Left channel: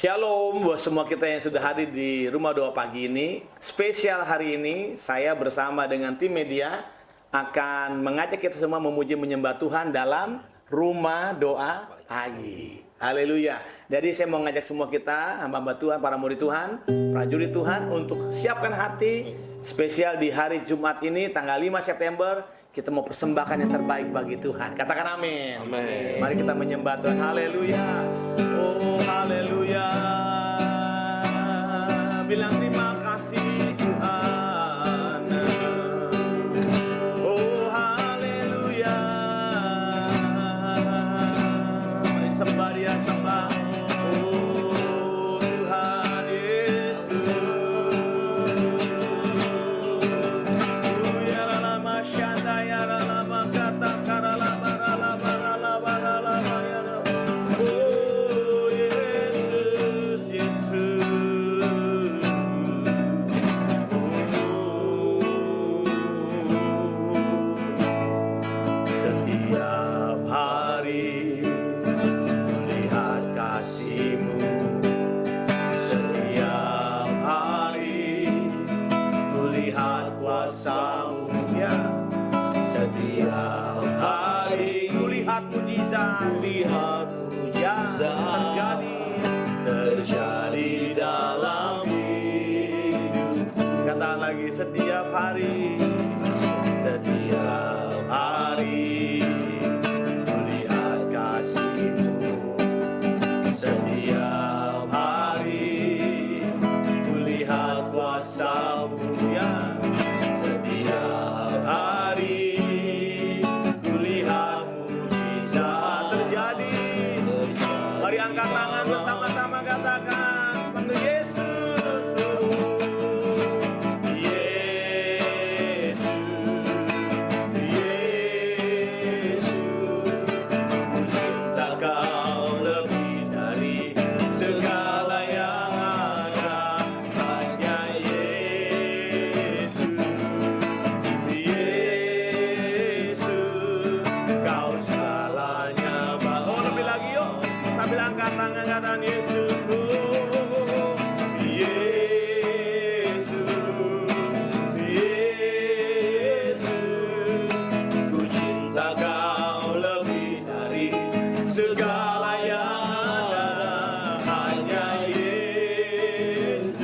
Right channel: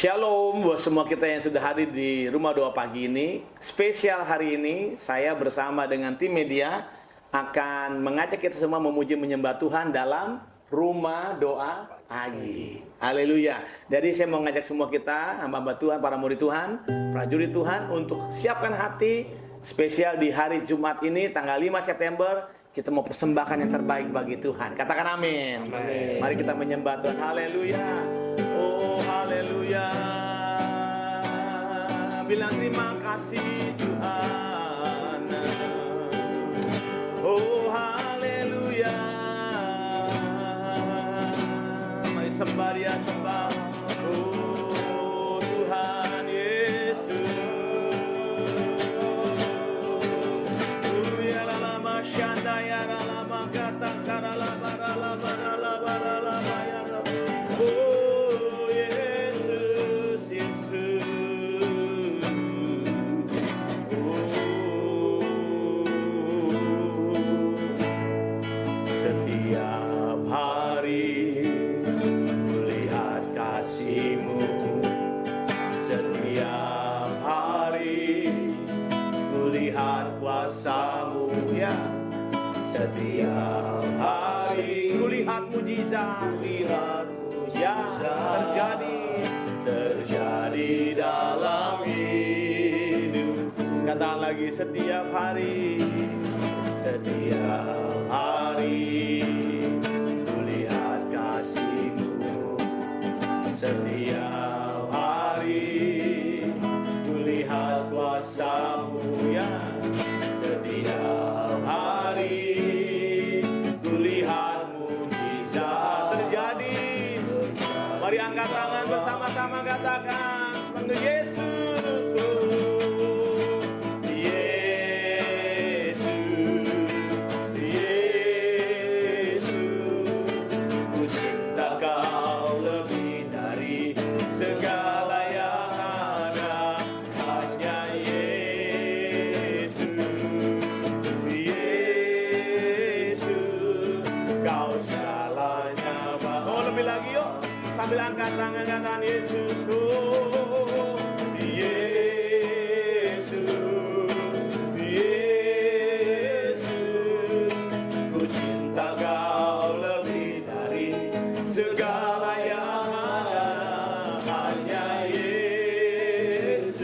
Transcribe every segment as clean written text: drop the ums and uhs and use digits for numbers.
Shalom buat semua kita yang sudah hadir di Rumah Doa pagi ini. Spesial hari ini saya bersama dengan tim media akan mengajak kita semua memuji menyembah Tuhan dalam Rumah Doa pagi. Haleluya. Jadi saya mau ngajak semua kita, hamba-hamba Tuhan, para murid Tuhan, prajurit Tuhan, untuk siapkan hati spesial di hari Jumat ini tanggal 5 September. Kita mau persembahkan yang terbaik bagi Tuhan. Katakan amin. Amin. Mari kita menyembah Tuhan. Haleluya. Oh haleluya. Bilang terima kasih Tuhan. Oh haleluya. Mari sembah dia, sembah. Oh Tuhan Yesus. Shanda ya la makata karala barala barala barala barala. Oh Yesus Yesus. Oh setiap hari melihat kasih-Mu, setiap hari melihat kuasa-Mu ya. Setiap hari kulihat mujizat yang terjadi dalam hidup. Kata lagi, setiap hari kulihat kasih-Mu, setiap hari kulihat kuasa-Mu ya. Setiap hari kulihat mujizat terjadi. Mari angkat tangan bersama-sama, katakan panggil Yesus. Yesus, Yesus, ku cinta Kau lebih dari segala yang ada. Hanya lebih lagi yuk, sambil angkat tangan katakan Yesus. Oh, Yesus, Yesus, ku cinta Kau lebih dari segala yang ada. Hanya Yesus,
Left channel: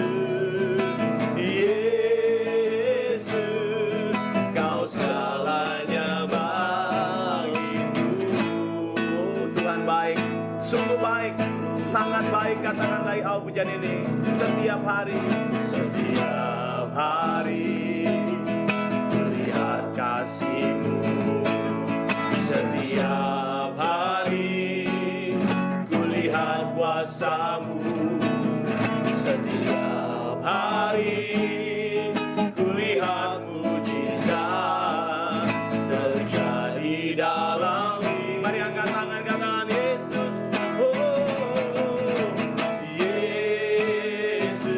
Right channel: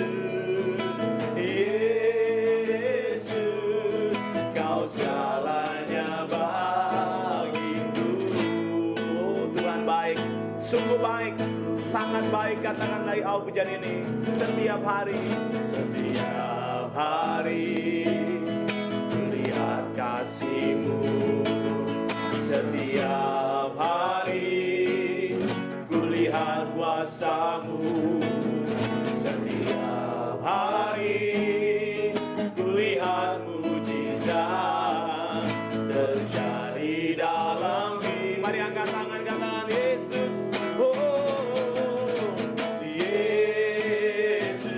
Yesus, Kau segalanya bagiku. Tuhan baik, sungguh baik, sangat baik. Katakan dari awal pujian ini. Setiap hari melihat kasih-Mu, setiap hari kulihat kuasa-Mu, setiap hari kulihat mujizat terjadi dalam hidup. Mari angkat tangan, katakan Yesus. Oh Yesus,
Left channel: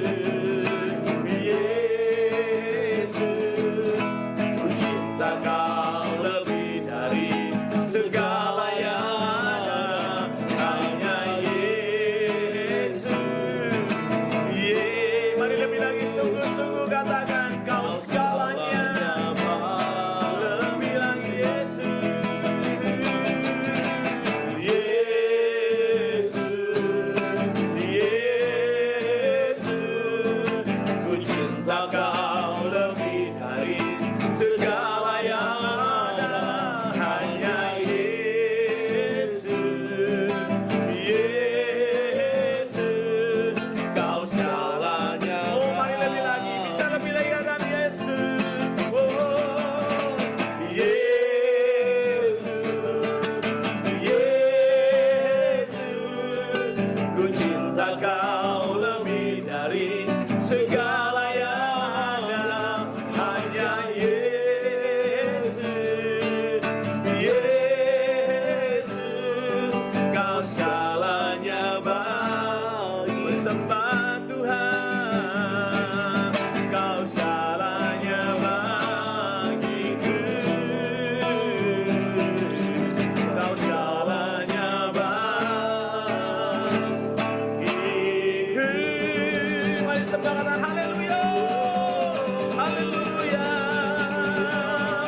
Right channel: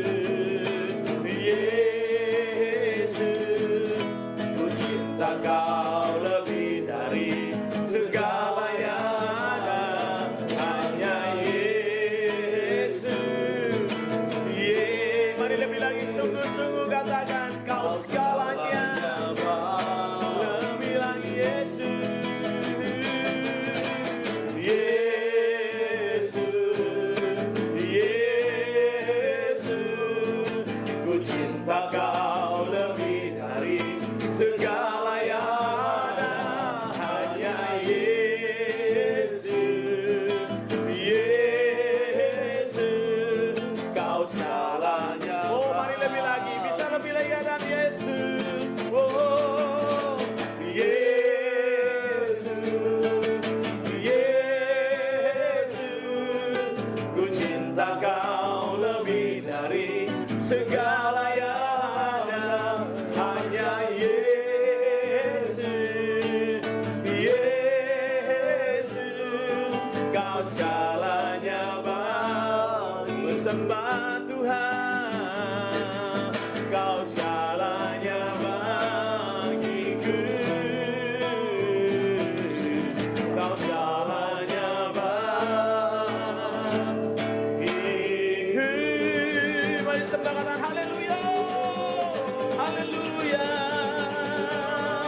Yesus, ku cinta Kau lebih dari segala yang ada. Hanya Yesus. Mari lebih lagi, sungguh-sungguh katakan Kau segalanya. Lebih lagi Yesus. Kau lebih dari segala yang ada. Hanya Yesus, Yesus, Kau segalanya. Oh mari lebih lagi, bisa lebih lagi katakan Yesus. Oh Yesus, Yesus, ku cinta Kau lebih dari segala yang ada. Hanya Yesus, Yesus, Kau segalanya bagi. Bersembah Tuhan, Kau segalanya bagiku. Kau segalanya bagi. disembah, katakan haleluya. Haleluya.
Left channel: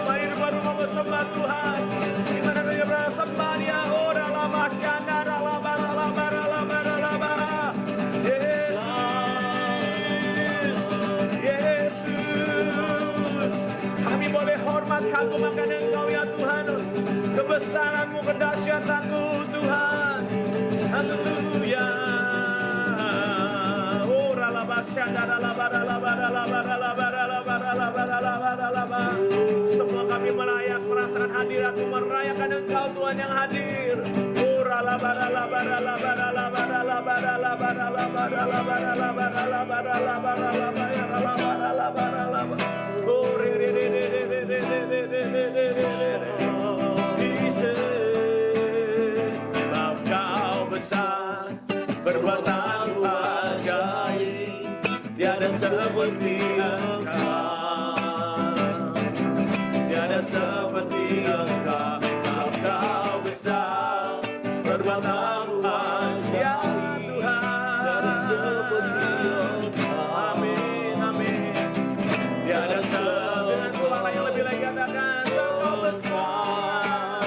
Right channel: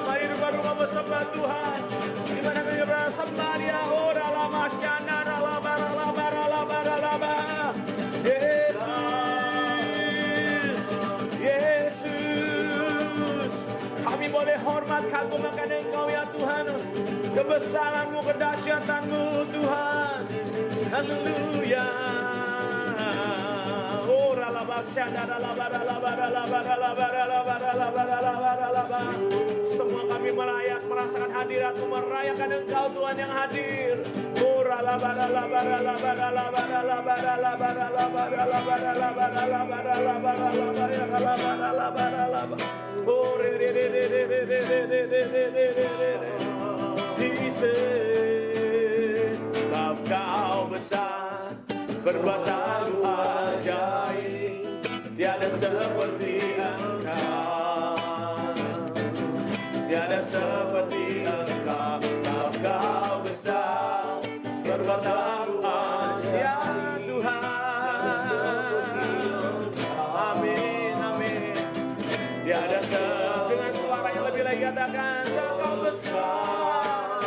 Mari di rumah bersembah Tuhan. Di mana kami bersembah Dia. Ora lama syana lama lama. Yesus. Kami boleh hormat kagum akan Engkau ya Tuhan. Kebesaran-Mu, kedahsyatan-Mu Tuhan. Haleluya. Semua kami merasakan hadirat-Mu, merayakan Engkau Tuhan yang hadir. Sebab Kau besar, perbuatan-Mu ajaib, tiada seperti Engkau, tiada seperti Engkau. Sebab Kau besar, perbuatan-Mu ajaib, ya Tuhan. Amin, amin. Tiada dengan suara yang lebih lagi katakan, Kau besar,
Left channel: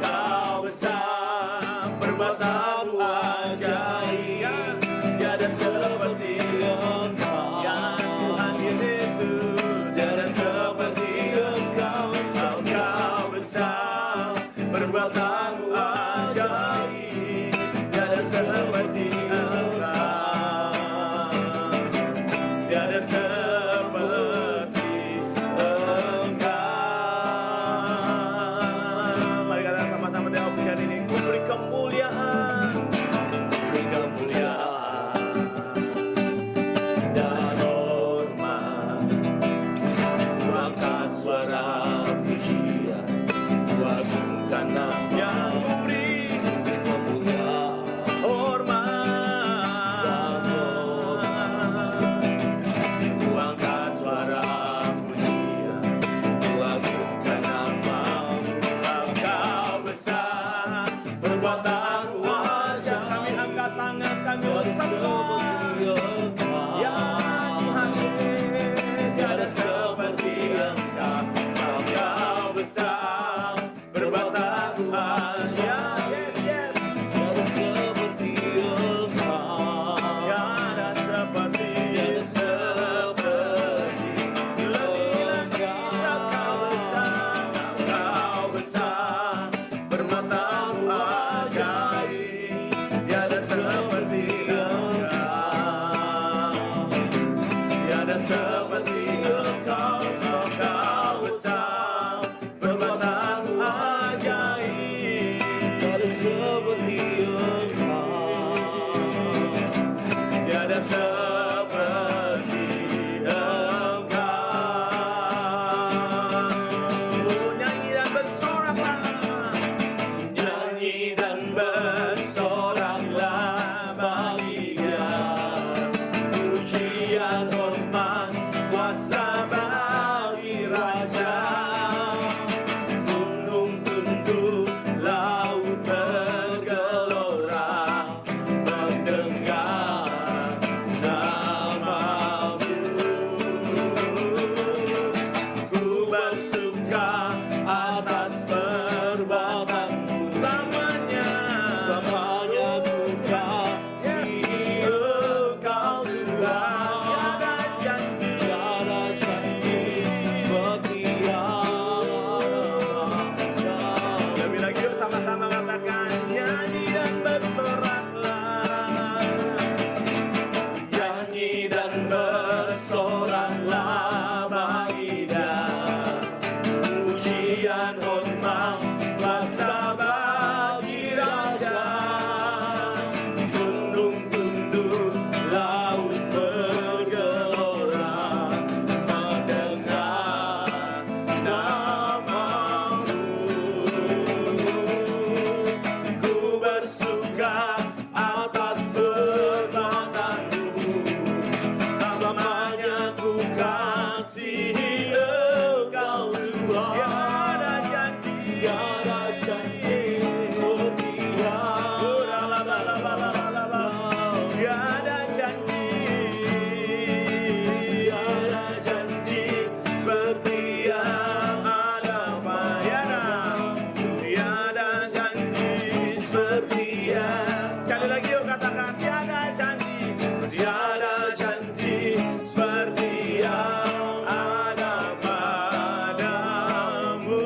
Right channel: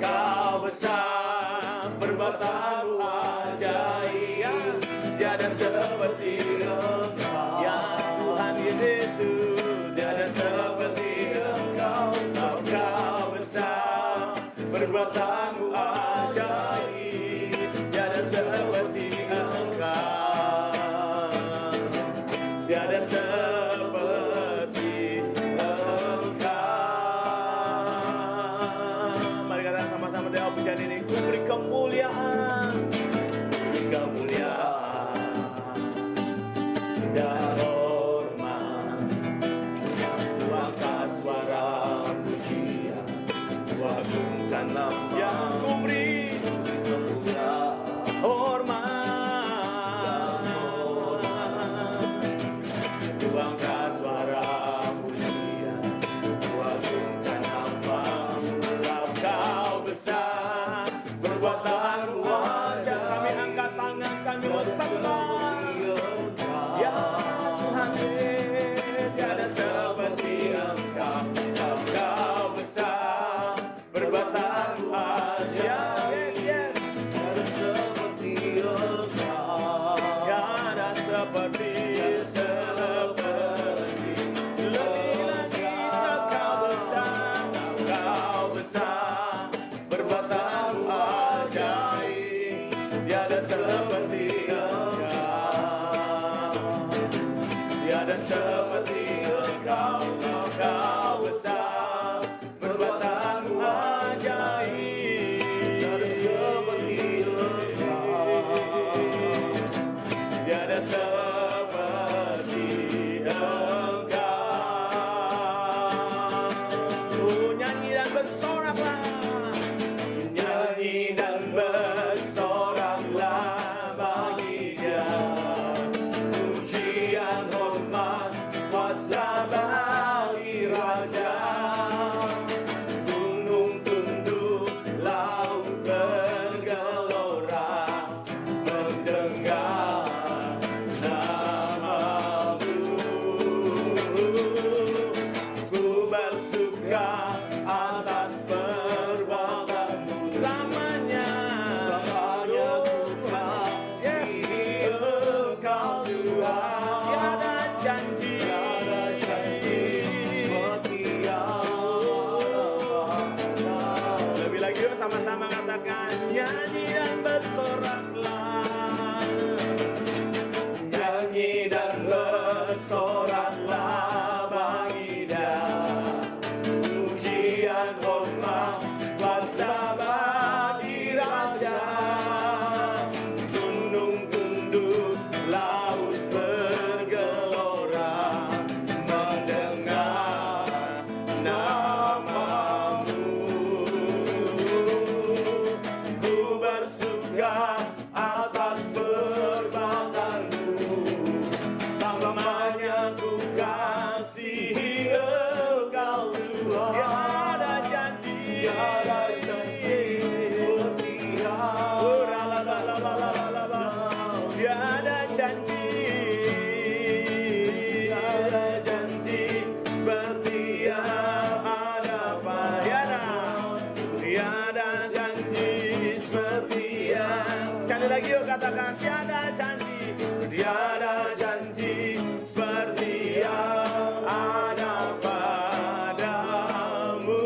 Kau besar, perbuatan-Mu ajaib, tiada seperti Engkau, ya Tuhan Yesus, tiada seperti Engkau. Sebab Kau besar, perbuatan-Mu ajaib, tiada seperti Engkau, tiada seperti Engkau. Mari katakan sama-sama dalam pujian ini, Ku beri kemuliaan, beri kemuliaan dan hormat. Ku angkat suara pujian, ku agungkan nama yang ku beri kemuliaan, hormat. Ku angkat suara pujian, ku agungkan nama-Mu. Sebab Kau besar, perbuatan-Mu ajaib. Kami angkat tangan, kami bersembah, ya Tuhan, tiada seperti Engkau. Sebab Kau besar, perbuatan-Mu ajaib, yes, tiada seperti Engkau, tiada seperti lebih lagi. Sebab Kau besar, Kau besar, perbuatan-Mu ajaib, tiada seperti Engkau, tiada seperti Engkau. Sebab Kau besar, perbuatan-Mu ajaib, tiada seperti Engkau, tiada seperti Engkau. Oh, nyanyi dan bersoraklah, nyanyi dan bersoraklah bagi Dia. Pujian, hormat, kuasa bagi Raja. Gunung tunduk, laut bergelora, mendengar nama-Mu. Ku bersuka atas perbuatan-Mu selamanya. Yes, Engkau Tuhan, tiada janji. Lebih lagi yuk sama-sama katakan, nyanyi dan bersoraklah, nyanyi dan bersoraklah bagi Dia. Pujian, hormat, kuasa bagi Raja. Gunung tunduk, laut bergelora, mendengar nama-Mu. Ku bersuka atas perbuatan-Mu, selamanya ku kasihi Engkau Tuhan. Tiada janji, tiada janji. tiada janji seperti yang ada padamu.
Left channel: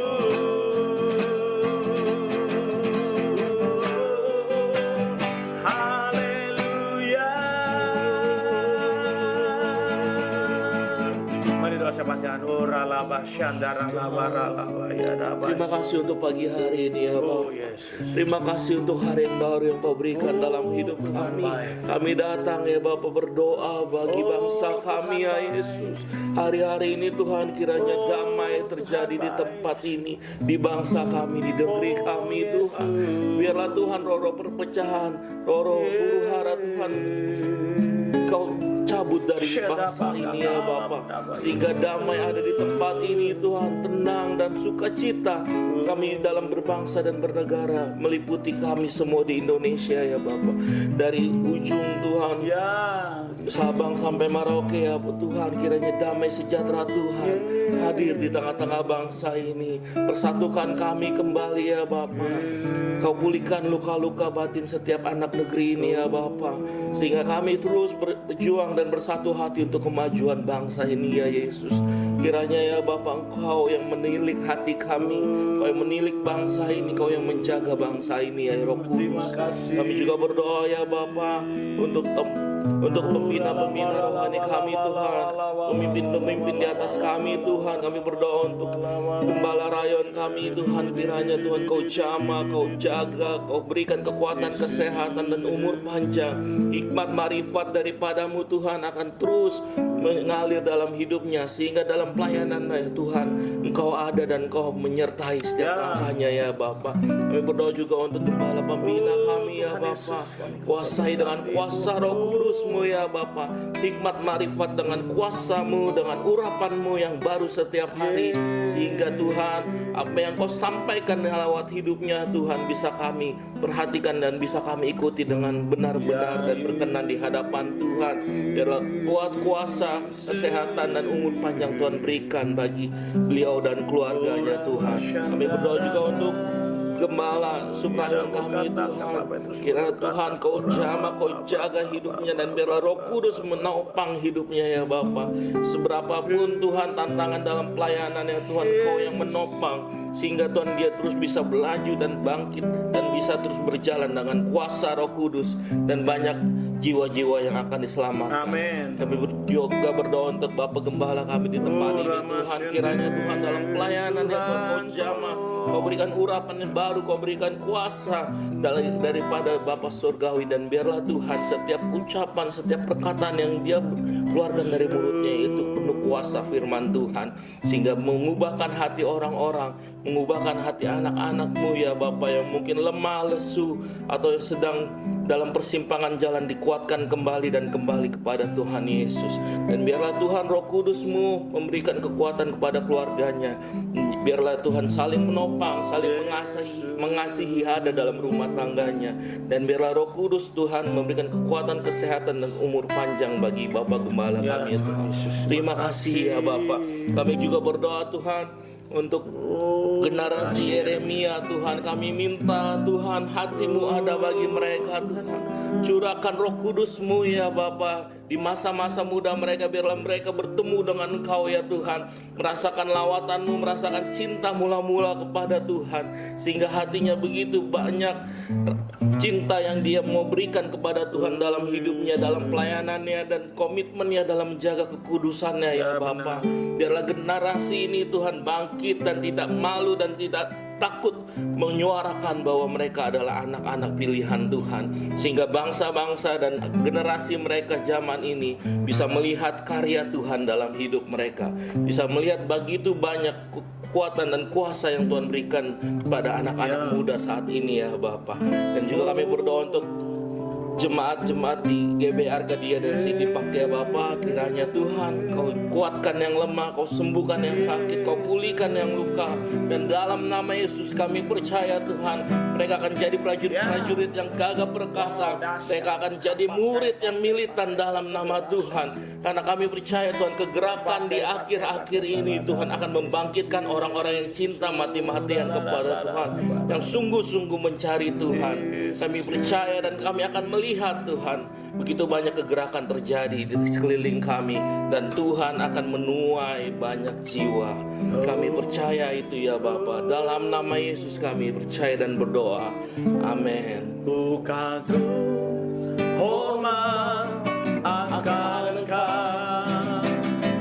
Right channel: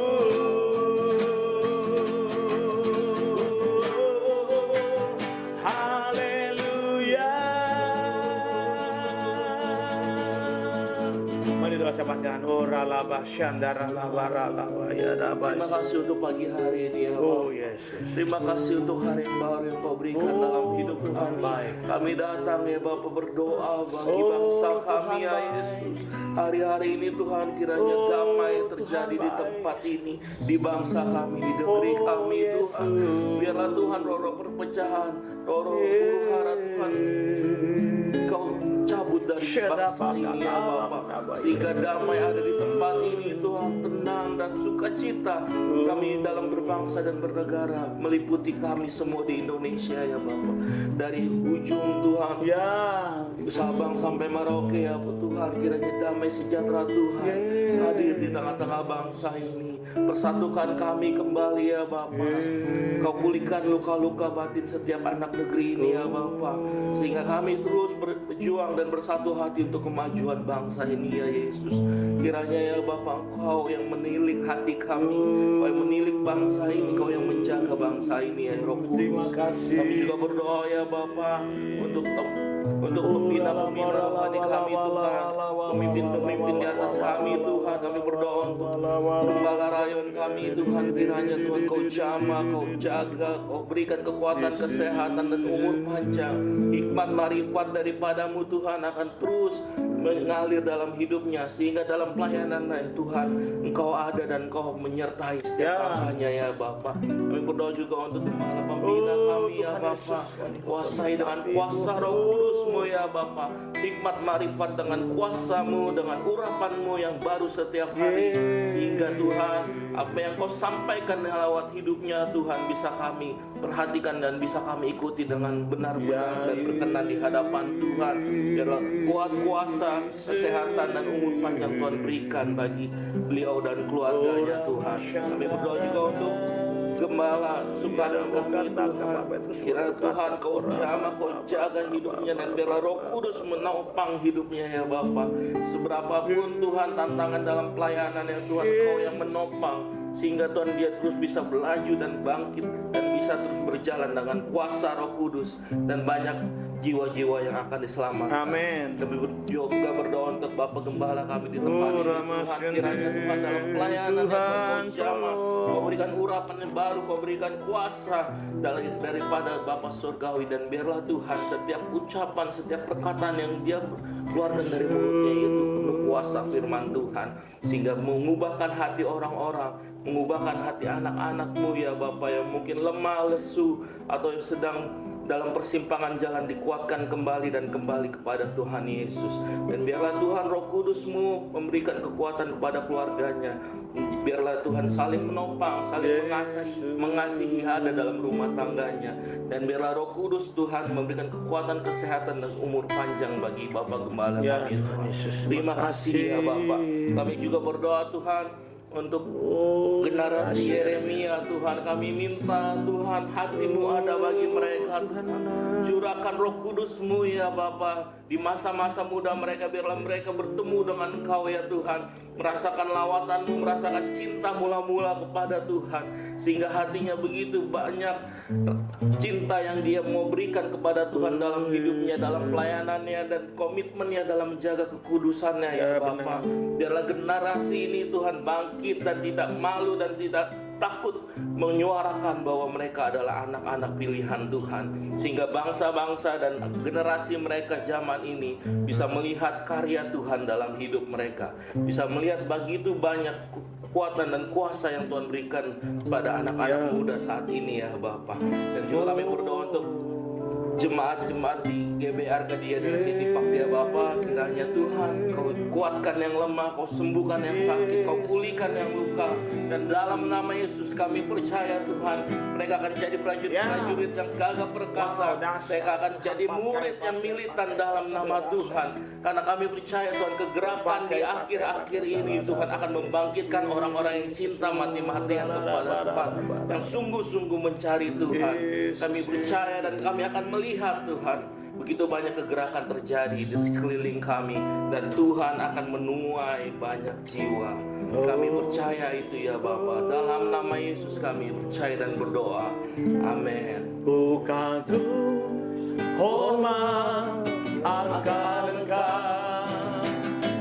Haleluya. Mari doa pasangan. Terima kasih untuk pagi hari ini ya Oh Bapak. Yesus. Terima kasih untuk hari yang baru yang Kau berikan dalam hidup Tuhan kami. baik. Kami datang ya Bapak berdoa bagi bangsa kami ya Yesus. Hari-hari ini Tuhan kiranya damai terjadi di tempat ini, di bangsa kami, di negeri kami Tuhan. Biarlah Tuhan roh-roh perpecahan, roh-roh huru-hara Tuhan Kau cabut dari bangsa ini ya Bapak, sehingga damai ada di tempat ini Tuhan, tenang dan sukacita kami dalam berbangsa dan bernegara, meliputi kami semua di Indonesia ya Bapak, dari ujung Tuhan Ya. Sabang sampai Merauke ya Tuhan, kiranya damai sejahtera Tuhan hadir di tengah-tengah bangsa ini, persatukan kami kembali ya Bapa. Kau pulihkan luka-luka batin setiap anak negeri ini ya Bapa, sehingga kami terus berjuang dan bersatu hati untuk kemajuan bangsa ini ya Yesus. Kiranya ya Bapa, Engkau yang menilik hati kami, Kau yang menilik bangsa ini, Kau yang menjaga bangsa ini ya Roh Terima Kudus. kasih. Kami juga berdoa ya Bapa untuk pembina-pembina rohani kami Tuhan, pemimpin-pemimpin di atas kami Tuhan. Kami berdoa untuk gembala rayon kami Tuhan, kiranya Tuhan Kau jamah, Kau jaga, Kau berikan kekuatan, kesehatan dan umur panjang. Hikmat marifat daripadamu Tuhan akan terus mengalir dalam hidupnya, sehingga dalam pelayanannya ya Tuhan Engkau ada dan Engkau menyertai setiap langkahnya ya Bapa. Kami berdoa juga untuk gembala pembina kami ya Bapa, kuasai dengan kuasa Roh Kudus-Mu ya Bapa, hikmat marifat dengan kuasa-Mu, dengan urapan-Mu yang baru setiap hari, sehingga Tuhan apa yang Kau sampaikan lewat hidupnya Tuhan bisa kami perhatikan dan bisa kami ikuti dengan benar-benar dan berkenan di hadapan Tuhan. Biarlah kuat kuasa, kesehatan dan umur panjang Tuhan berikan bagi beliau dan keluarganya Tuhan. Kami berdoa juga untuk Gembala Supradun kami Tuhan, kiranya Tuhan Kau jamah, Kau jaga hidupnya, dan biarlah Roh Kudus menopang hidupnya ya Bapa. Seberapapun Tuhan tantangan dalam pelayanan ya Tuhan, Kau yang menopang, sehingga Tuhan dia terus bisa berlaju dan bangkit dan bisa terus berjalan dengan kuasa Roh Kudus, dan banyak jiwa-jiwa yang akan diselamatkan. Amin. Kami juga berdoa untuk Bapak Gembala kami di tempat ini Tuhan, kiranya Tuhan dalam pelayanan yang Kau jamah, Kau berikan urapan yang baru, Kau berikan kuasa daripada Bapa Surgawi, dan biarlah Tuhan setiap ucapan, setiap perkataan yang dia keluarkan dari mulutnya itu penuh kuasa firman Tuhan, sehingga mengubahkan hati orang-orang, mengubahkan hati anak-anak-Mu ya Bapa yang mungkin lemah, lesu, atau yang sedang dalam persimpangan jalan, dikuatkan kembali dan kembali kepada Tuhan Yesus. Dan biarlah Tuhan Roh Kudus-Mu memberikan kekuatan kepada keluarganya. Biarlah Tuhan saling menopang, saling mengasihi ada dalam rumah tangganya. Dan biarlah Roh Kudus Tuhan memberikan kekuatan, kesehatan dan umur panjang bagi Bapak Gembala kami Tuhan. Terima kasih ya Bapak. Kami juga berdoa Tuhan untuk generasi Yeremia Tuhan, kami minta Tuhan hati-Mu ada bagi mereka Tuhan. Curahkan Roh Kudus-Mu ya Bapa di masa-masa muda mereka, biarlah mereka bertemu dengan Engkau ya Tuhan, merasakan lawatan-Mu, merasakan cinta mula-mula kepada Tuhan, sehingga hatinya begitu banyak cinta yang dia mau berikan kepada Tuhan dalam hidupnya, dalam pelayanannya dan komitmennya dalam menjaga kekudusannya ya Bapa. Biarlah generasi ini Tuhan bangkit dan tidak malu dan tidak takut menyuarakan bahwa mereka adalah anak-anak pilihan Tuhan, sehingga bangsa-bangsa dan generasi mereka zaman ini bisa melihat karya Tuhan dalam hidup mereka, bisa melihat begitu banyak kekuatan dan kuasa yang Tuhan berikan kepada anak-anak muda saat ini ya Bapak. Dan juga kami berdoa untuk jemaat-jemaat di GBR Gadia dan City Park ya Bapa, kiranya Tuhan Kau kuatkan yang lemah, Kau sembuhkan yang sakit, Kau pulihkan yang luka, dan dalam nama Yesus kami percaya Tuhan mereka akan jadi prajurit-prajurit yang gagah perkasa, mereka akan jadi murid yang militan dalam nama Tuhan, karena kami percaya Tuhan kegerakan di akhir-akhir ini Tuhan akan membangkitkan orang-orang yang cinta mati-matian kepada Tuhan, yang sungguh-sungguh mencari Tuhan. Kami percaya dan kami akan melihat melihat Tuhan begitu banyak kegerakan terjadi di sekeliling kami, dan Tuhan akan menuai banyak jiwa. Kami percaya itu ya Bapa. Dalam nama Yesus kami percaya dan berdoa. Amin. Ku kagum hormat akan Engkau,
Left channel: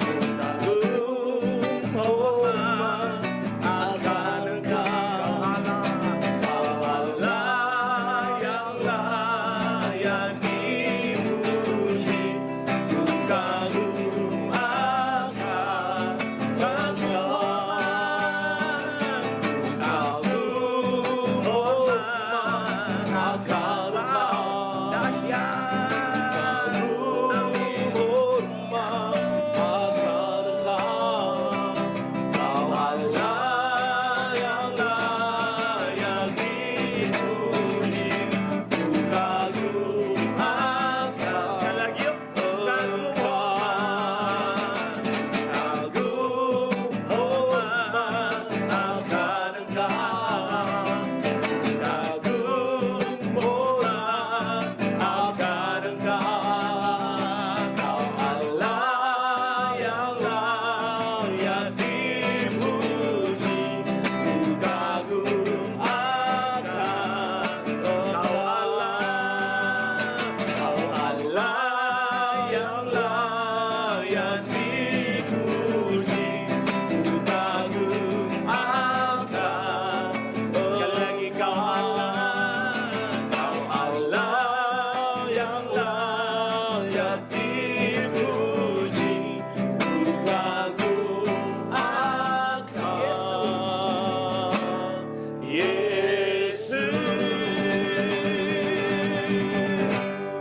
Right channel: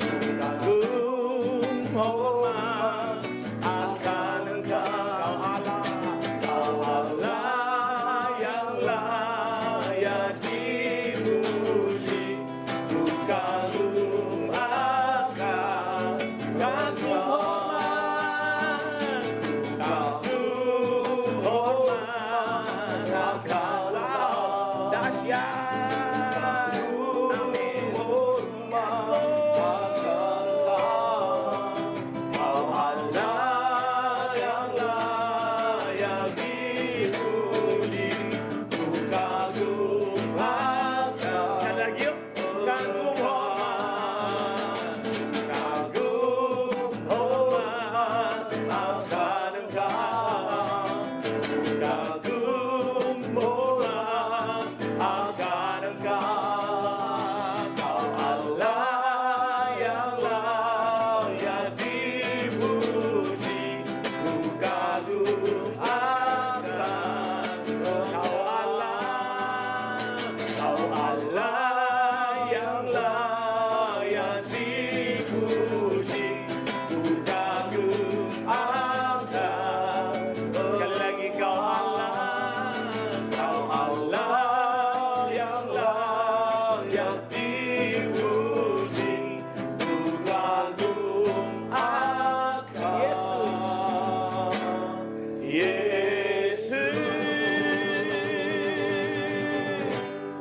ku kagum hormat akan Engkau, Kau Allah yang layak dipuji. Ku kagum akan, kagum hormat, kagum hormat akan Engkau, dahsyat.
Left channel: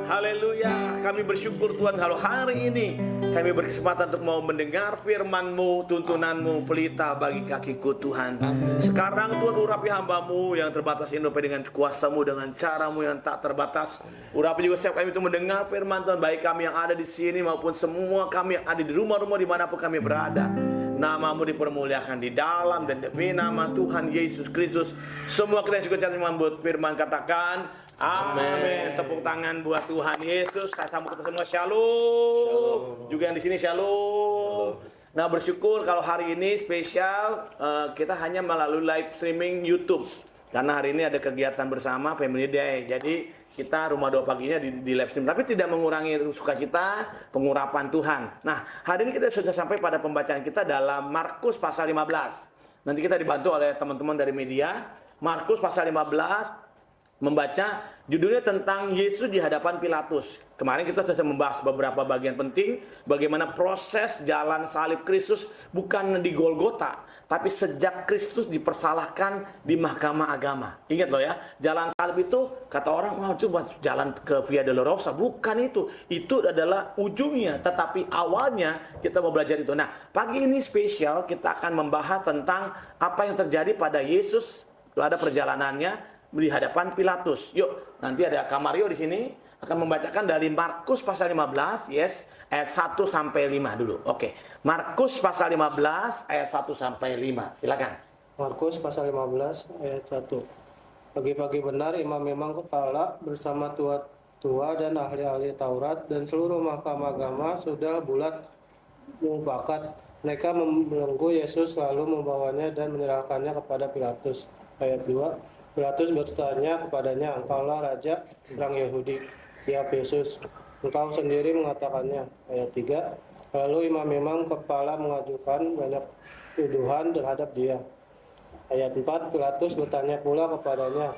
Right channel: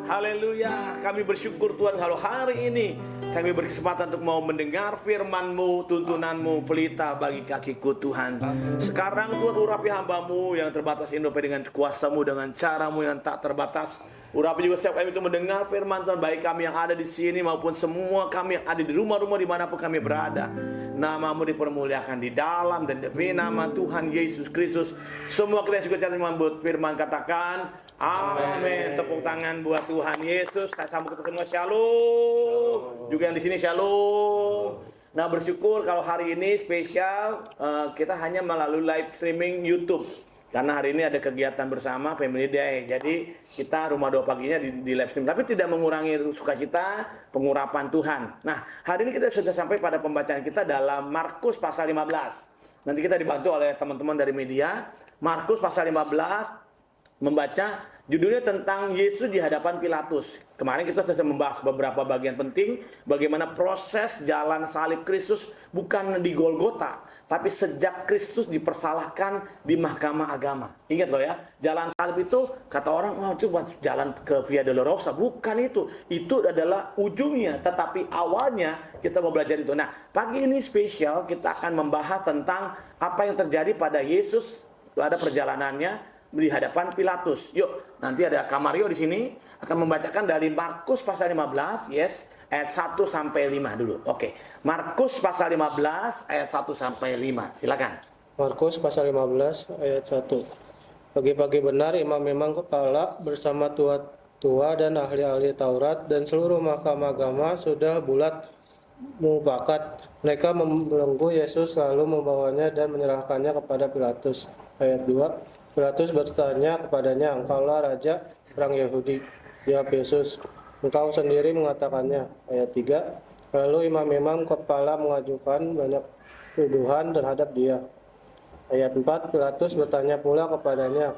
Haleluya, kami bersyukur Tuhan kalau hari ini kami berkesempatan untuk mau mendengar firman-Mu, tuntunan-Mu, pelita bagi kakiku Tuhan. Sekarang Tuhan urapi hamba-Mu yang terbatas ini dengan kuasa-Mu, dengan cara-Mu yang tak terbatas. Urapi juga setiap kami itu mendengar firman Tuhan, baik kami yang ada di sini maupun semua kami yang ada di rumah-rumah dimanapun kami berada. Nama-Mu dipermuliakan di dalam dan demi nama Tuhan Yesus Kristus. Semua kita yang suka catat membut firman katakan amin. Tepuk tangan buat Tuhan Yesus. Saya sambut kita semua shalom. Juga yang di sini shalom. Nah, bersyukur kalau hari ini spesial kita hanya melalui live streaming YouTube. Karena hari ini ada kegiatan bersama Family Day. Jadi kita rumah doa paginya di live stream. Tapi tidak mengurangi sukacita pengurapan Tuhan. Nah, hari ini kita sudah sampai pada pembacaan kita dalam Markus pasal 15. Nanti kita dibantu oleh teman-teman dari media. Markus pasal 15 membaca judulnya tentang Yesus di hadapan Pilatus. Kemarin kita sudah membahas beberapa bagian penting bagaimana proses jalan salib Kristus bukan di Golgota, tapi sejak Kristus dipersalahkan di mahkamah agama. Ingat loh ya, jalan salib itu kata orang, wah itu buat jalan ke Via Dolorosa. Bukan itu. Itu adalah ujungnya, tetapi awalnya kita mau belajar itu. Nah, pagi ini spesial kita akan membahas tentang apa yang terjadi pada Yesus pada perjalanannya di hadapan Pilatus. Yuk, nanti ada Kamario di sini akan membacakan dari Markus pasal 15, ayat 1 sampai 5 dulu. Oke. Markus pasal 15 ayat 1 sampai 5. Silakan. Markus pasal 15 ayat 1. Pagi-pagi benar imam-imam kepala bersama tua dan ahli-ahli Taurat dan seluruh mahkamah agama sudah bulat mufakat. Mereka membelenggu Yesus lalu membawanya dan menyerahkannya kepada Pilatus. Ayat 2. Pilatus bertanya kepadanya, "Engkaulah raja orang Yahudi?" Jawab Yesus, "Engkau sendiri mengatakannya." Ayat 3. Lalu imam-imam kepala mengajukan banyak tuduhan terhadap dia. Ayat 4. Pilatus bertanya pula kepadanya,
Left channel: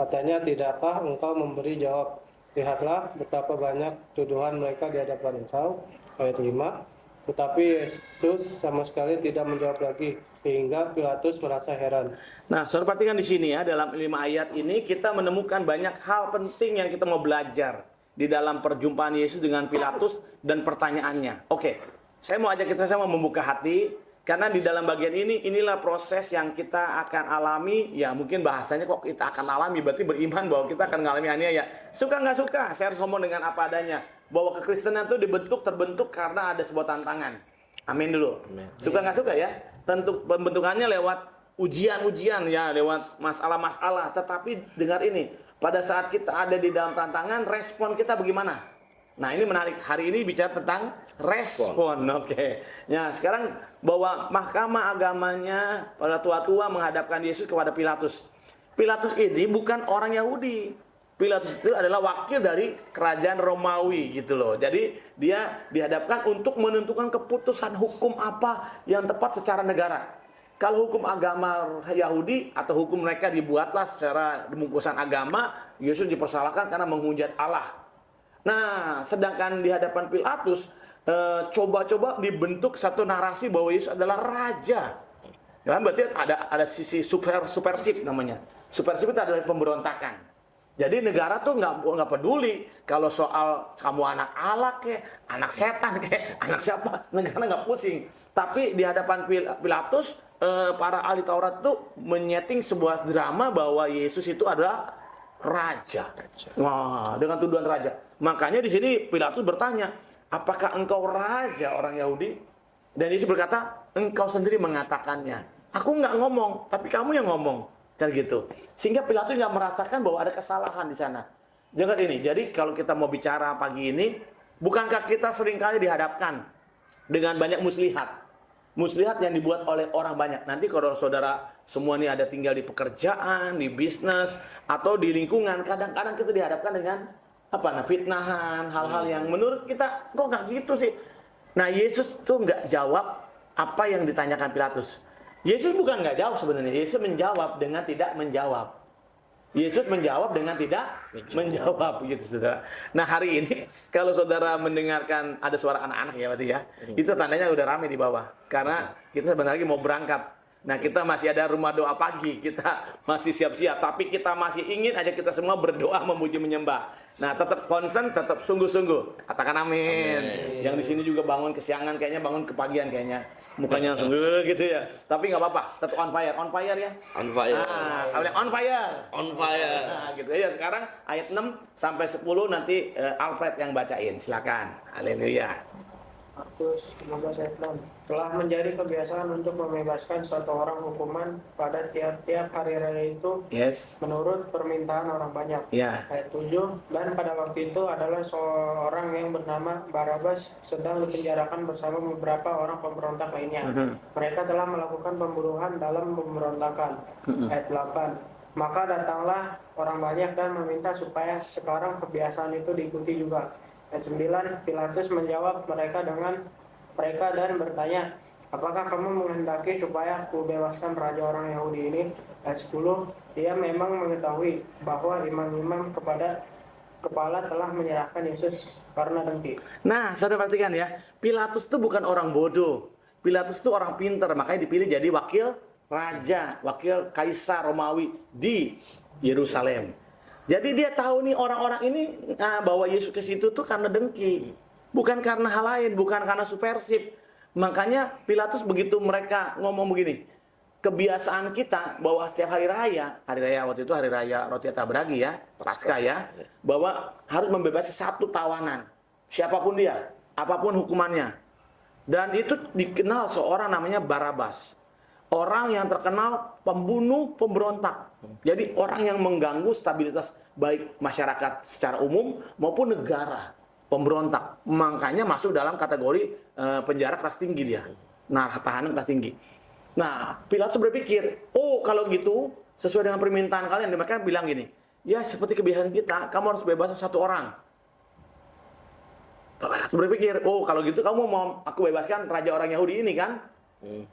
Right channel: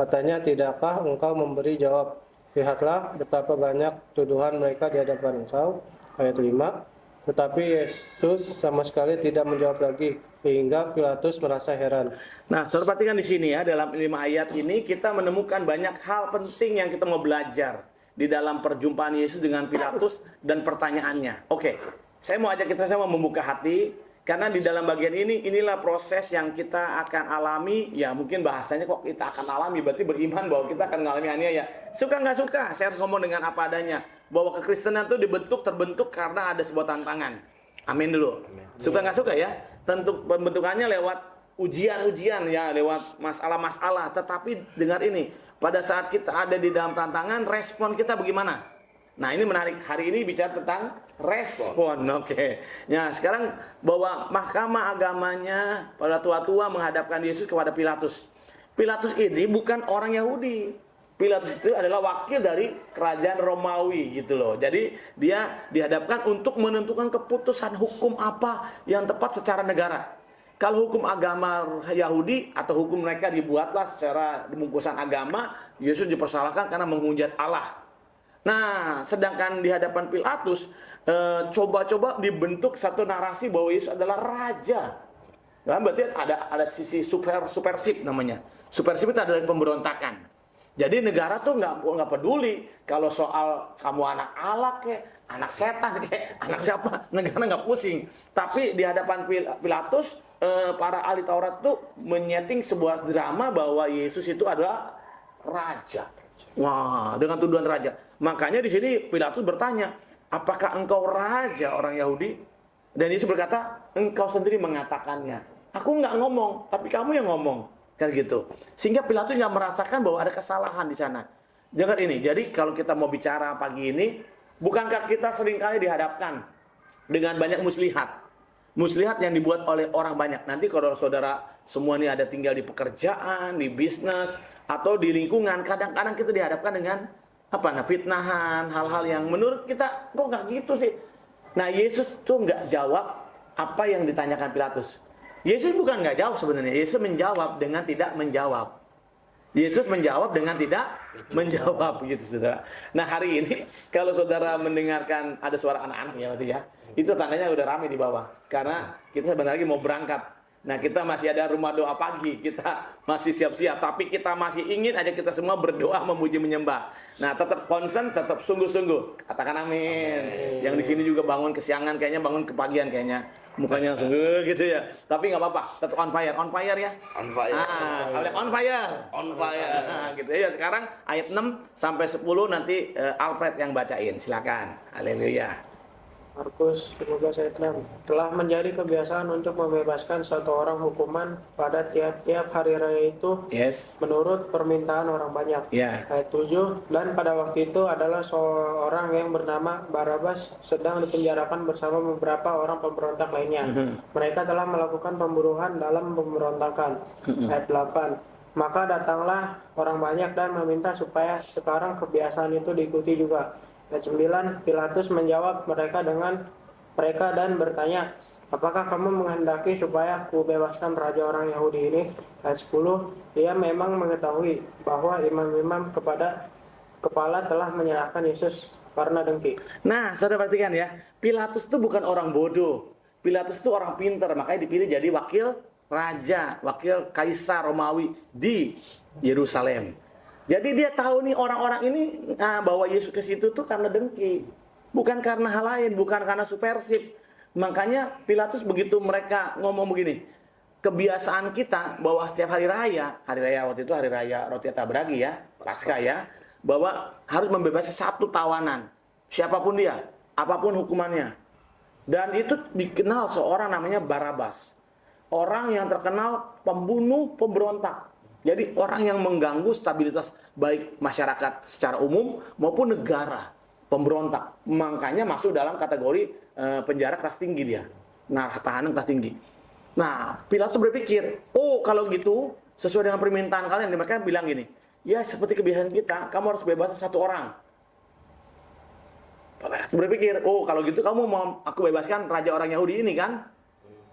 katanya, "Tidakkah engkau memberi jawab? Lihatlah betapa banyak tuduhan mereka di hadapan engkau." Ayat 5. Tetapi Yesus sama sekali tidak menjawab lagi, hingga Pilatus merasa heran. Nah, saudara perhatikan di sini ya, dalam 5 ayat ini kita menemukan banyak hal penting yang kita mau belajar di dalam perjumpaan Yesus dengan Pilatus dan pertanyaannya. Oke, saya mau ajak kita semua membuka hati, karena di dalam bagian ini, inilah proses yang kita akan alami. Ya mungkin bahasanya kok kita akan alami, berarti beriman bahwa kita akan mengalami aniaya. Suka nggak suka, saya harus ngomong dengan apa adanya. Bahwa kekristenan itu terbentuk karena ada sebuah tantangan. Amin dulu. Suka nggak suka ya? Tentu pembentukannya lewat ujian-ujian ya, lewat masalah-masalah. Tetapi dengar ini, pada saat kita ada di dalam tantangan, respon kita bagaimana? Nah, ini menarik. Hari ini bicara tentang respon. Oke. Nah, sekarang bahwa mahkamah agamanya para tua-tua menghadapkan Yesus kepada Pilatus. Pilatus ini bukan orang Yahudi. Pilatus itu adalah wakil dari kerajaan Romawi gitu loh. Jadi dia dihadapkan untuk menentukan keputusan hukum apa yang tepat secara negara. Kalau hukum agama Yahudi atau hukum mereka dibuatlah secara bungkusan agama, Yesus dipersalahkan karena menghujat Allah. Nah, sedangkan di hadapan Pilatus coba-coba dibentuk satu narasi bahwa Yesus adalah raja. Ya, berarti ada sisi subversif namanya. Subversif itu adalah pemberontakan. Jadi negara tuh nggak peduli kalau soal kamu anak Allah anak setan anak siapa, negara nggak pusing. Tapi di hadapan Pilatus, para ahli Taurat tuh menyeting sebuah drama bahwa Yesus itu adalah raja. Wah, dengan tuduhan raja. Makanya di sini Pilatus bertanya, apakah engkau raja orang Yahudi? Dan Yesus berkata, engkau sendiri mengatakannya. Aku nggak ngomong, tapi kamu yang ngomong. Kan gitu. Sehingga Pilatus nggak merasakan bahwa ada kesalahan di sana. Dengar ini. Jadi kalau kita mau bicara pagi ini, bukankah kita seringkali dihadapkan dengan banyak muslihat? Muslihat yang dibuat oleh orang banyak. Nanti kalau saudara semua ini ada tinggal di pekerjaan, di bisnis, atau di lingkungan, kadang-kadang kita dihadapkan dengan fitnahan, hal-hal yang menurut kita kok nggak gitu sih. Nah, Yesus tuh nggak jawab apa yang ditanyakan Pilatus. Yesus bukan nggak jawab sebenarnya. Yesus menjawab dengan tidak menjawab. Yesus menjawab dengan tidak menjawab gitu saudara. Nah, hari ini kalau saudara mendengarkan ada suara anak-anak ya berarti ya. Itu tandanya udah ramai di bawah. Karena kita sebentar lagi mau berangkat. Nah, kita masih ada rumah doa pagi. Kita masih siap-siap. Tapi kita masih ingin aja kita semua berdoa memuji menyembah. Nah, tetap concern, tetap sungguh-sungguh. Katakan amin. Yang di sini juga bangun kesiangan kayaknya, bangun kepagian kayaknya. Mukanya langsung gitu ya. Tapi nggak apa-apa, tetap on fire. On fire ya. On fire. Kalau on fire. On fire. Nah, gitu ya. Sekarang ayat 6 sampai 10 nanti Alfred yang bacain. Silakan. Haleluya. Markus 15 ayat 6. Telah menjadi kebiasaan untuk membebaskan satu orang hukuman pada tiap-tiap hari raya itu Yes. menurut permintaan orang banyak. Ya. Ayat 7. Dan pada waktu itu adalah seorang yang bernama Barabas sedang dipenjarakan bersama beberapa orang pemberontak lainnya. Mereka telah melakukan pembunuhan dalam pemberontakan. Ayat 8. Maka datanglah orang banyak dan meminta supaya sekarang kebiasaan itu diikuti juga. Ayat 9, Pilatus menjawab mereka dan bertanya, apakah kamu menghendaki supaya aku bebaskan raja orang Yahudi ini? Ayat 10, ia memang mengetahui bahwa imam-imam kepada kepala telah menyerahkan Yesus karena dengki. Nah, saudara perhatikan ya, Pilatus itu bukan orang bodoh. Pilatus itu orang pintar, makanya dipilih jadi wakil raja, wakil kaisar Romawi di Yerusalem. Jadi dia tahu nih orang-orang ini bahwa Yesus ke situ tuh karena dengki. Bukan karena hal lain, bukan karena subversif. Makanya Pilatus begitu mereka ngomong begini. Kebiasaan kita bahwa setiap hari raya waktu itu hari raya roti tabragi ya, Paskah ya, bahwa harus membebaskan satu tawanan. Siapapun dia, apapun hukumannya. Dan itu dikenal seorang namanya Barabas. Orang yang terkenal pembunuh, pemberontak. Jadi orang yang mengganggu stabilitas baik masyarakat secara umum maupun negara, pemberontak. Makanya masuk dalam kategori penjara kelas tinggi dia. Nah, tahanan kelas tinggi. Nah, Pilatus berpikir, oh kalau gitu sesuai dengan permintaan kalian, mereka bilang gini, ya seperti kebiasaan kita, kamu harus bebaskan satu orang. Pilatus berpikir, oh kalau gitu kamu mau aku bebaskan raja orang Yahudi ini kan?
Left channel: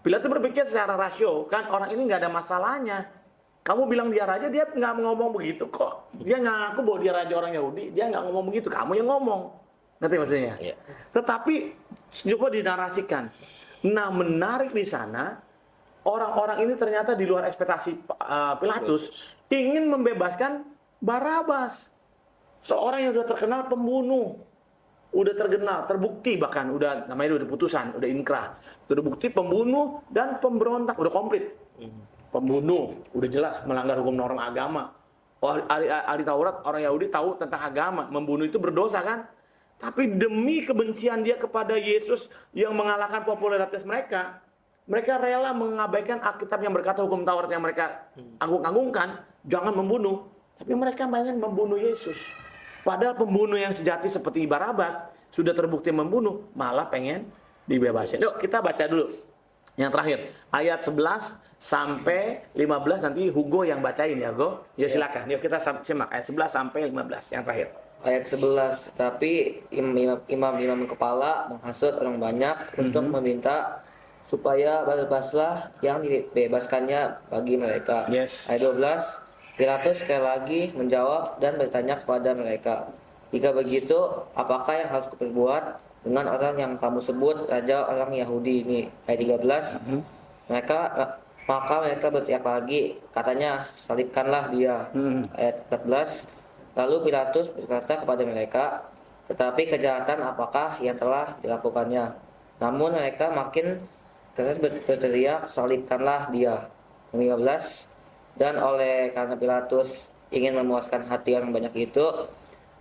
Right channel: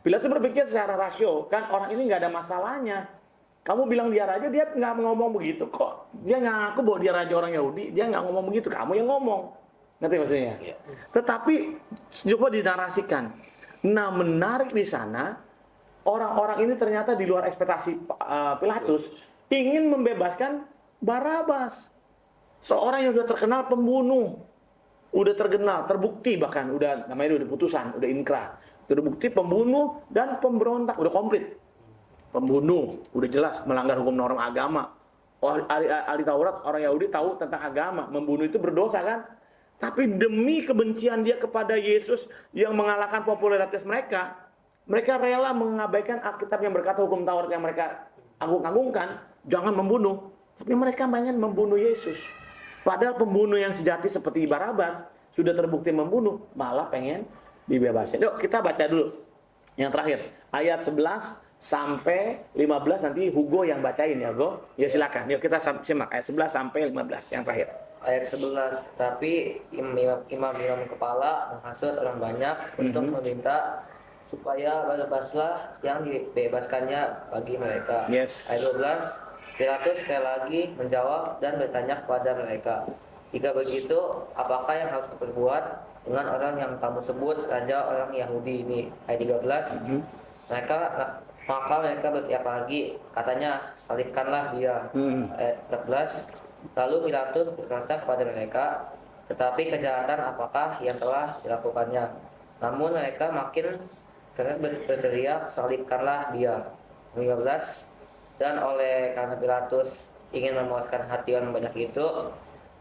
Pilatus berpikir secara rasio, kan orang ini nggak ada masalahnya. Kamu bilang dia raja, dia nggak ngomong begitu kok. Dia ngaku bahwa dia raja orang Yahudi, dia nggak ngomong begitu. Kamu yang ngomong. Ngerti maksudnya? Ya. Tetapi coba dinarasikan. Nah, menarik di sana, orang-orang ini ternyata di luar ekspektasi Pilatus ingin membebaskan Barabas. Seorang yang sudah terkenal pembunuh. Udah terkenal, terbukti bahkan. Namanya udah putusan, udah inkrah. Udah bukti pembunuh dan pemberontak. Udah komplit. Pembunuh, udah jelas melanggar hukum norma agama. Ahli Taurat, orang Yahudi tahu tentang agama. Membunuh itu berdosa kan? Tapi demi kebencian dia kepada Yesus yang mengalahkan popularitas mereka, mereka rela mengabaikan Alkitab yang berkata hukum Taurat yang mereka agung-agungkan, jangan membunuh. Tapi mereka pengen membunuh Yesus. Padahal pembunuh yang sejati seperti Barabas sudah terbukti membunuh, malah pengen dibebasin. Yuk kita baca dulu yang terakhir. Ayat 11 sampai 15 nanti Hugo yang bacain ya, Go. Ya silakan. Yuk kita simak ayat 11 sampai 15 yang terakhir. Ayat 11, tapi imam-imam kepala menghasut orang banyak untuk meminta supaya Barabaslah yang dibebaskannya bagi mereka. Yes. Ayat 12, Pilatus sekali lagi menjawab dan bertanya kepada mereka, jika begitu, apakah yang harus kuperbuat dengan orang yang kamu sebut raja orang Yahudi ini? Ayat 13, maka mereka berteriak lagi, katanya, salibkanlah dia. Ayat 14, lalu Pilatus berkata kepada mereka, tetapi kejahatan apakah yang telah dilakukannya? Namun mereka makin keras berteriak, salibkanlah dia. 15, dan oleh karena Pilatus ingin memuaskan hati orang banyak itu,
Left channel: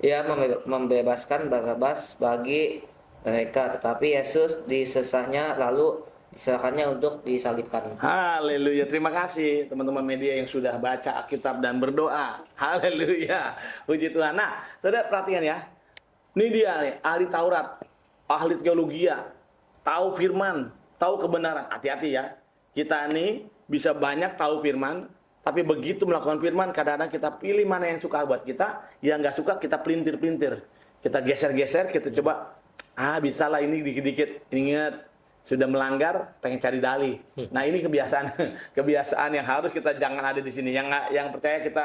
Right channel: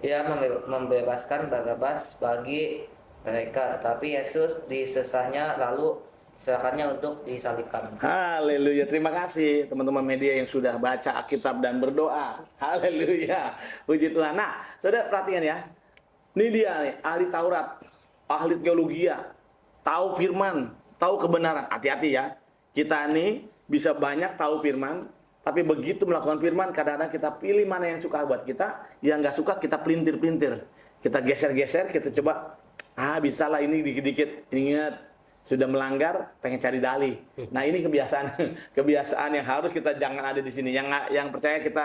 ia membebaskan Barabas bagi mereka, tetapi Yesus disesahnya lalu diserahkannya untuk disalibkan. Haleluya. Terima kasih teman-teman media yang sudah baca Alkitab dan berdoa. Haleluya. Puji Tuhan. Nah, saudara perhatikan ya. Ini dia nih, ahli Taurat, ahli teologi, tahu firman, tahu kebenaran. Hati-hati ya. Kita ini bisa banyak tahu firman, tapi begitu melakukan firman, kadang-kadang kita pilih mana yang suka buat kita, yang nggak suka kita pelintir-pelintir. Kita geser-geser, kita coba, bisa lah ini dikit-dikit. Ingat, sudah melanggar, pengen cari dalih. Nah ini kebiasaan yang harus kita jangan ada di sini. Yang percaya kita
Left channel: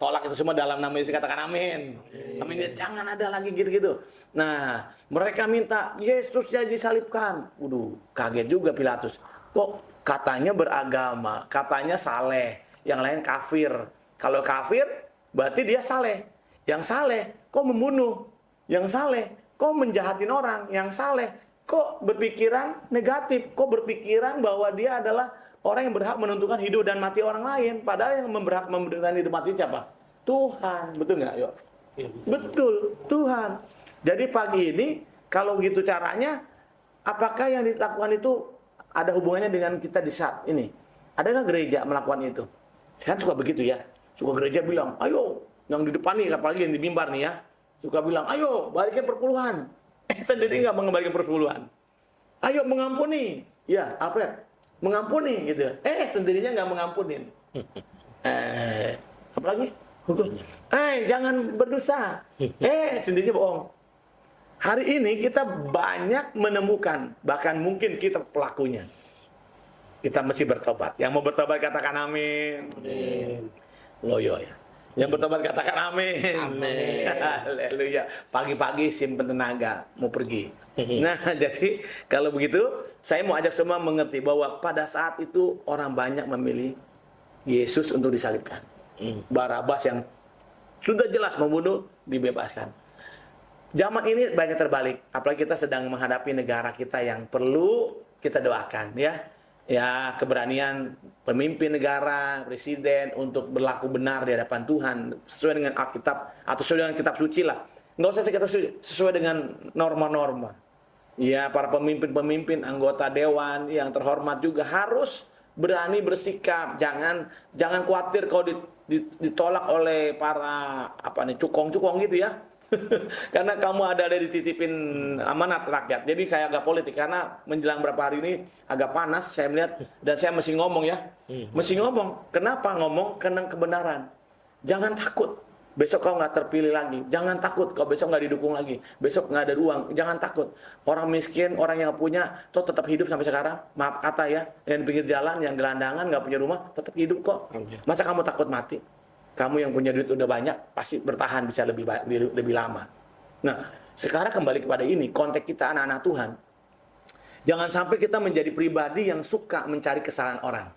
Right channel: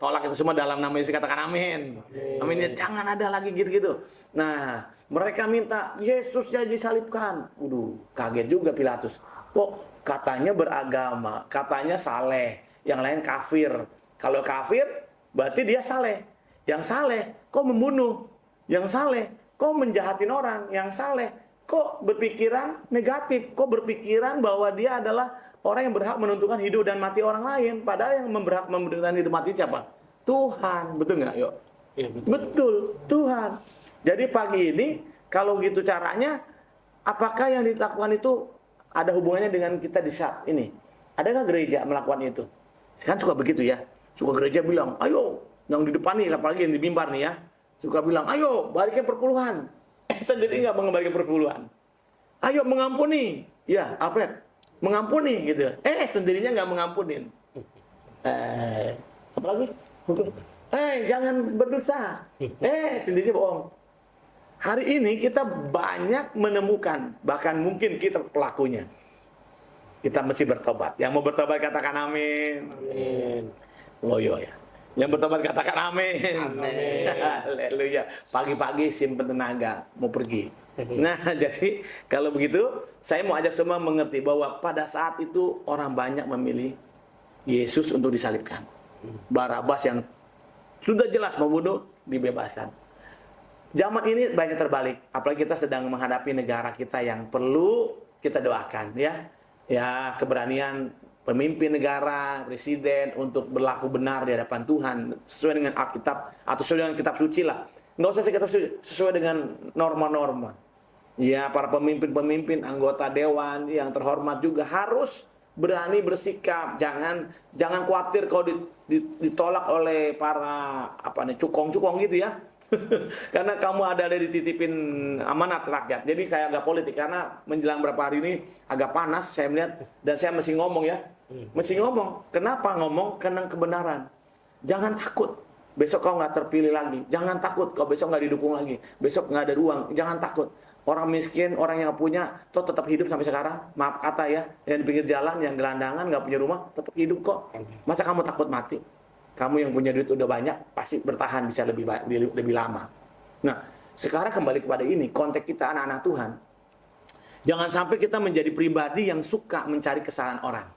tolak itu semua dalam nama Yesus, katakan amin. Amin. Ya, jangan ada lagi gitu-gitu. Nah, mereka minta Yesus jadi disalibkan. Waduh, kaget juga Pilatus. Kok katanya beragama, katanya saleh. Yang lain kafir. Kalau kafir, berarti dia saleh. Yang saleh, kok membunuh? Yang saleh, kok menjahatin orang? Yang saleh, kok berpikiran negatif? Kok berpikiran bahwa dia adalah orang yang berhak menentukan hidup dan mati orang lain? Padahal yang berhak menentukan hidup mati siapa? Tuhan. Betul nggak? Yuk. Ya, betul, Tuhan. Jadi pagi ini, kalau gitu caranya, apakah yang dilakukan itu ada hubungannya dengan kita di saat ini? Adakah gereja melakukan itu? Kan suka begitu ya. Suka gereja bilang, ayo, yang di depan nih, apalagi yang di mimbar nih ya. Suka bilang, ayo, balikin perpuluhan. Sendiri nggak mengembalikan perpuluhan. Ayo, mengampuni. Ya, Alfred, mengampuni gitu. Sendirinya nggak mengampunin. Apalagi? Jangan berdosa. Sendirinya bohong. Hari ini kita banyak menemukan, bahkan mungkin kita pelakunya. Kita mesti bertobat. Yang mau bertobat katakan amin. Amin. Loyo ya. Yang bertobat katakan amin. Haleluya. Pagi-pagi simpen tenaga mau pergi. Nah, jadi kalau begitu saya mau ajak semua mengerti bahwa pada saat itu orang banyak memilih Yesus untuk disalibkan. Barabas yang sudah jelas membunuh dibebaskan. Zaman ini banyak terbalik. Apalagi kita sedang menghadapi negara kita yang perlu kita doakan ya. Ya, keberanian pemimpin negara, presiden untuk berlaku benar di hadapan Tuhan sesuai dengan Alkitab atau sesuai dengan kitab suci lah. Nggak usah kitab suci, sesuai dengan norma-norma. Ya, para pemimpin-pemimpin, anggota dewan yang terhormat juga harus berani bersikap. Jangan khawatir kalau ditolak oleh para cukong-cukong gitu ya. Karena kamu ada dititipin amanat rakyat. Jadi kayak agak politik. Karena menjelang berapa hari ini agak panas saya melihat. Dan saya mesti ngomong ya. Mesti ngomong. Kenapa ngomong? Karena kebenaran. Jangan takut. Besok kau nggak terpilih lagi. Jangan takut. Kau besok nggak didukung lagi. Besok nggak ada uang. Jangan takut. Orang miskin, orang yang nggak punya, toh tetap hidup sampai sekarang. Maaf kata ya. Yang di pinggir jalan, yang gelandangan, nggak punya rumah, tetap hidup kok. Masa kamu takut mati? Kamu yang punya duit udah banyak, pasti bertahan bisa lebih lama. Nah, sekarang kembali kepada ini, konteks kita anak-anak Tuhan. Jangan sampai kita menjadi pribadi yang suka mencari kesalahan orang.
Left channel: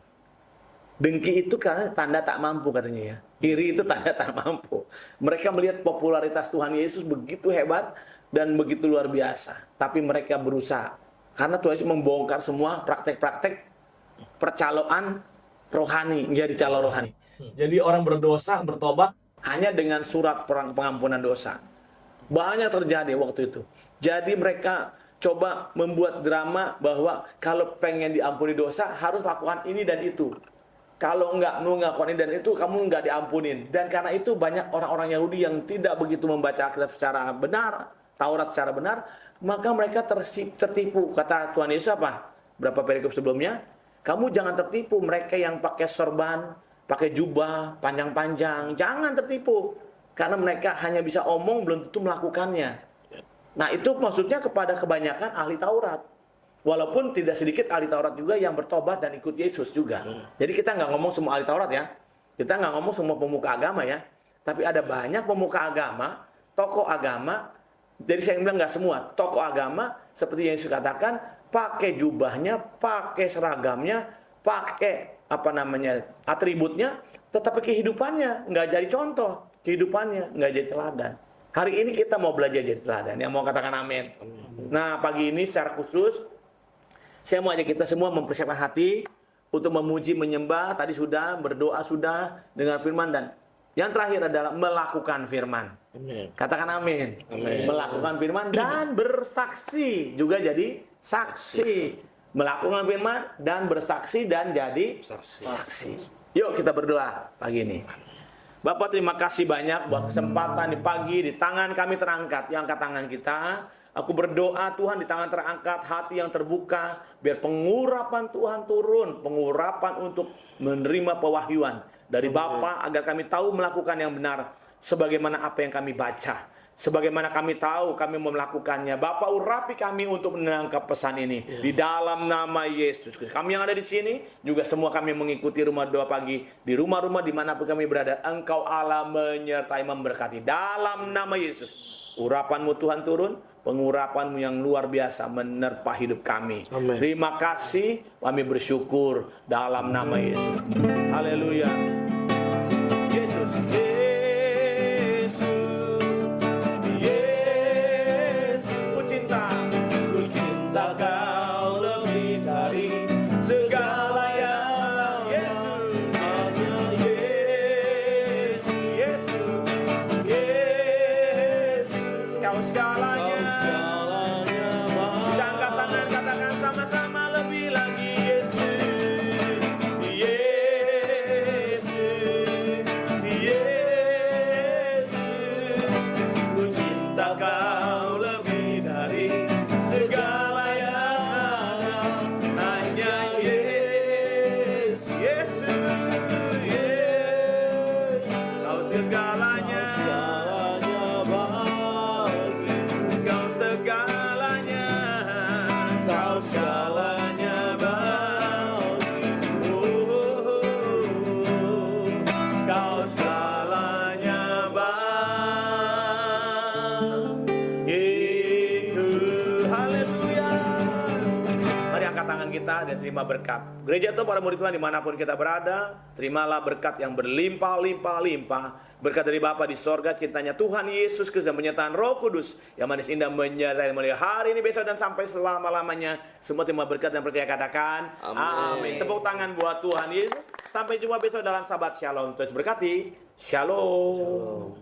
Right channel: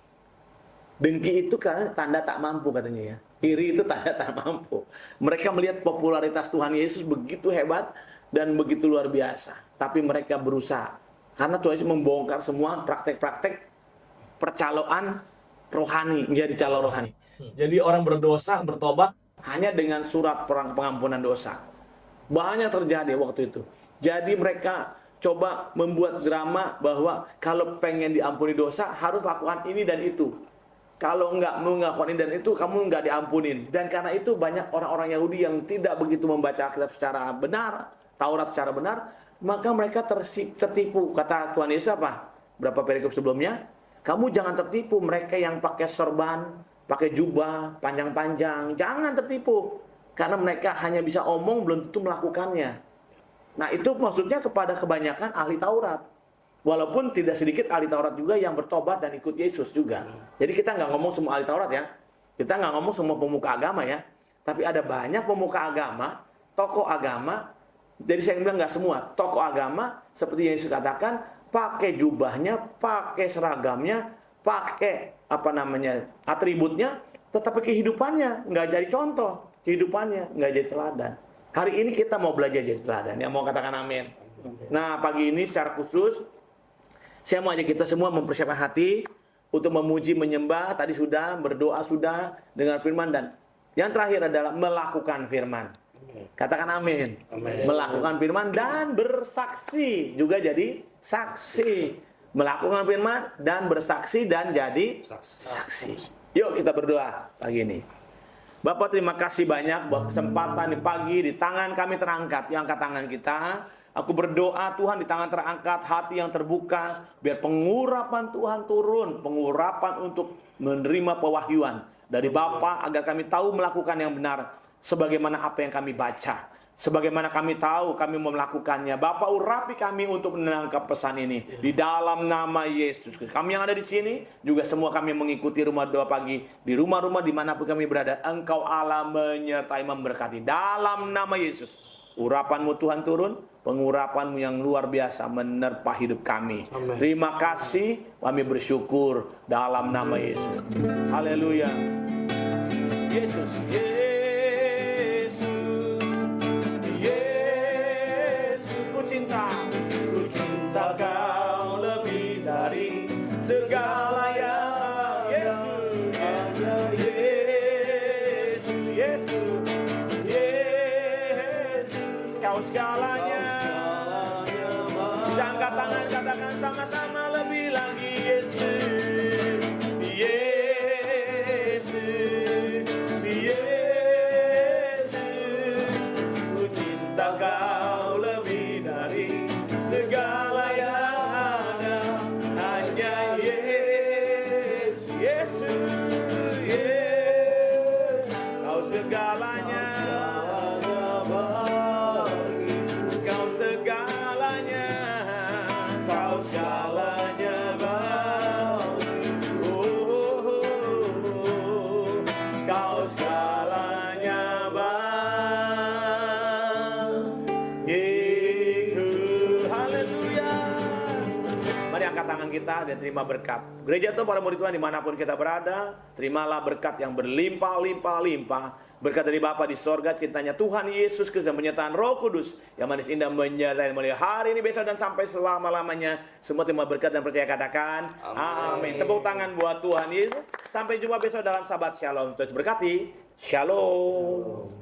Dengki itu karena tanda tak mampu katanya ya. Iri itu tanda tak mampu. Mereka melihat popularitas Tuhan Yesus begitu hebat dan begitu luar biasa. Tapi mereka berusaha. Karena Tuhan Yesus membongkar semua praktek-praktek percaloan rohani, menjadi calo rohani. Jadi orang berdosa, bertobat hanya dengan surat pengampunan dosa. Banyak terjadi waktu itu. Jadi mereka coba membuat drama bahwa kalau pengen diampuni dosa harus lakukan ini dan itu. Kalau nggak mengakukan ini dan itu, kamu nggak diampunin. Dan karena itu banyak orang-orang Yahudi yang tidak begitu membaca Alkitab secara benar, Taurat secara benar, maka mereka tertipu. Kata Tuhan Yesus apa? Berapa perikop sebelumnya? Kamu jangan tertipu mereka yang pakai sorban, pakai jubah, panjang-panjang. Jangan tertipu. Karena mereka hanya bisa omong, belum tentu melakukannya. Nah itu maksudnya kepada kebanyakan ahli Taurat. Walaupun tidak sedikit ahli Taurat juga yang bertobat dan ikut Yesus juga. Jadi kita nggak ngomong semua ahli Taurat ya. Kita nggak ngomong semua pemuka agama ya. Tapi ada banyak pemuka agama, tokoh agama. Jadi saya bilang nggak semua. Tokoh agama seperti yang Yesus katakan, pakai jubahnya, pakai seragamnya, pakai atributnya, tetapi kehidupannya nggak jadi contoh. Kehidupannya nggak jadi teladan. Hari ini kita mau belajar jadi teladan. Yang mau katakan amin. Nah pagi ini secara khusus, saya mau ajak kita semua mempersiapkan hati untuk memuji, menyembah. Tadi sudah, berdoa sudah dengan firman. Dan yang terakhir adalah melakukan firman. Amin. Katakan amin. Amin. Melakukan firman dan bersaksi. Juga jadi saksi. Melakukan firman dan bersaksi dan jadi saksi. Yuk kita berdoa pagi ini. Bapak terima kasih banyak buat kesempatan di pagi, di tangan kami terangkat. Yang angkat tangan kita. Aku berdoa Tuhan di tangan terangkat, hati yang terbuka, biar pengurapan Tuhan turun, pengurapan untuk menerima pewahyuan dari Bapa agar kami tahu melakukan yang benar sebagaimana apa yang kami baca. Sebagaimana kami tahu kami mau melakukannya. Bapa urapi kami untuk menangkap pesan ini di dalam nama Yesus Kristus. Kami yang ada di sini juga semua kami mengikuti rumah doa pagi di rumah-rumah dimanapun kami berada. Engkau Allah menyertai memberkati dalam nama Yesus. Urapanmu Tuhan turun, pengurapanmu yang luar biasa menerpa hidup kami. Amen. Terima kasih, kami bersyukur dalam nama Yesus. Haleluya. Yesus, Yesus, Yesus, ku cinta Kau lebih dari segala yang Yesus, Yesus, Yesus, Kau segalanya. Bisa angkat tangan, katakan sama-sama lebih lagi Yesus, Yesus, Yesus, ku cinta Kau lebih dari segala yang ada, hanya Yesus, Yesus, Yesus, Kau segalanya, Kau segalanya, Kau segalanya bagi, Kau segalanya bagiku. Haleluya. Mari angkat tangan kita dan terima berkat. Gereja itu para murid Tuhan dimanapun kita berada, terimalah berkat yang berlimpah-limpah-limpah. Berkat dari Bapa di sorga, cintanya Tuhan Yesus Kristus dan penyertaan Roh Kudus yang manis indah menyertai mulai hari ini, besok dan sampai selama-lamanya. Semua terima berkat dan percaya katakan amin. Tepuk tangan buat Tuhan Yesus. Sampai jumpa besok dalam Sabat Shalom. Terus berkati. Shalom.